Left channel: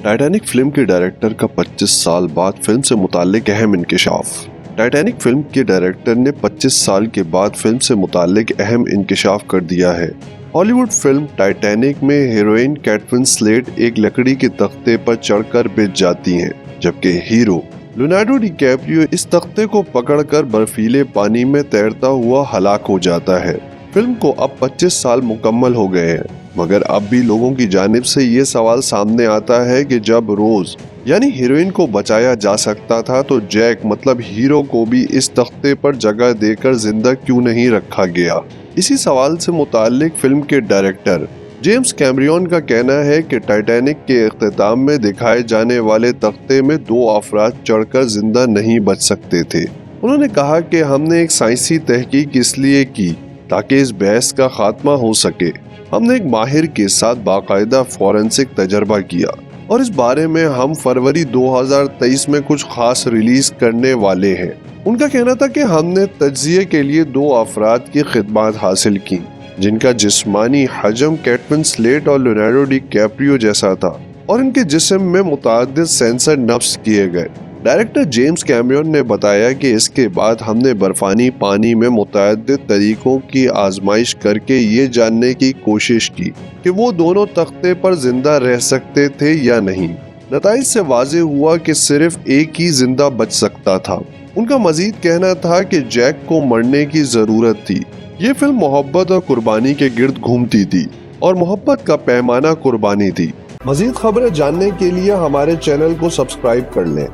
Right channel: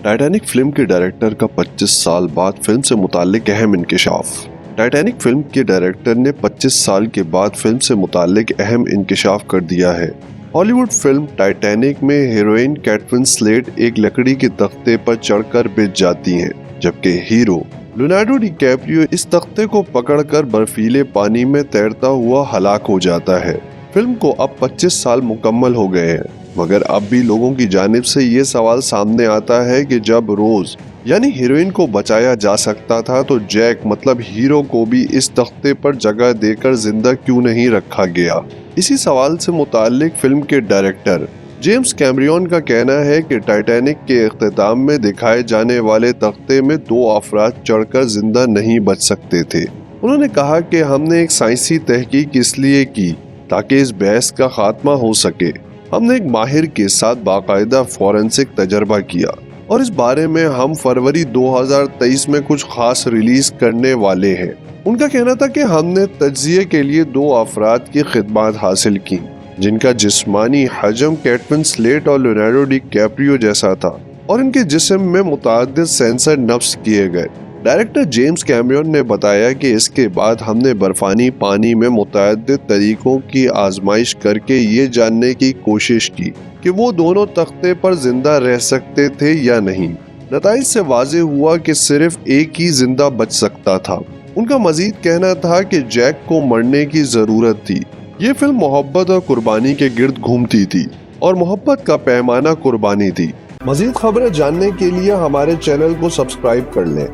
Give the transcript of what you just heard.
Titanic film के director का 25 साल बाद फिल्म से मुताल्लिक अहम इंकिशाफ। टाइटैनिक फिल्म के डायरेक्टर ने 25 साल के बाद फिल्म से मुताल्लिक अहम इंकिशाफ कर दिया है। हॉलीवुड फिल्म टाइटैनिक में हीरोइन कैट विंसलेट एक लकड़ी के तख्ते पर चढ़कर बिछ जाती हैं, जबकि हीरो लियोनार्डो डिकैप्रियो इस तख्ते को पकड़कर बर्फीले पानी में तैरता हुआ हलाक हो जाता है। फिल्म को अब 25 साल मुकम्मल हो गए हैं, मगर अब भी लोगों की जानिब से ये सवाल सामने आता है कि जब रोज यानी हीरोइन को बचाया जा सकता था तो जैक मतलब हीरो को भी इस तख्ते पर जगह देकर जिंदा क्यों नहीं रखा गया। इसी सवाल से मुताल्लिक फिल्म के डायरेक्टर जेम्स कैमरियन का कहना है कि टाइटैनिक के इख्तिताम में दिखाए जाने वाले तख्ते में 2 अफराद चढ़कर जिंदा नहीं बच सकते थे। उन्होंने कहा कि हमने एक साइंसी तहकीक इसलिए की ताकि इस बहस का खात्मा हो सके। हमने एक माहिर के साथ बाकायदा फोरेंसिक तजर्बा किया और इस बारे में हम फरवरी 2023 में कुछ खास रिलीज करने वाले हैं। उनका कहना था कि हमने तज्जिये के लिए 2 अफराद की खिदमत हासिल की जिनका जिस्मानी हजम कैट विंसलेट और लियोनार्डो डिकैप्रियो जैसा था और उनके जिस्म में मुतअद्दिद सेंसर नफ्स किए गए। डायरेक्टर जेम्स कैमरियन ने बताया कि इसके बाद हमने बर्फानी पानी में मुतअद्दिद तरीकों की आजमाइश करके ये जानने की कोशिश की कि वो दोनों तख्ते पर जिंदा रह सकते थे या नहीं। नताइज से वाज़ेह हुआ कि सिर्फ एक ही जिंदा बच सकता था। उनका मजीद कहना था कि जैक को मरने की जरूरत थी। ये फिल्म मोहब्बत और कुर्बानी के गिर्द घूमती थी और मोहब्बत का पैमाना कुर्बानी थी। मजीद खबरें जानने के लिए हमारे चैनल को सब्सक्राइब कर लें।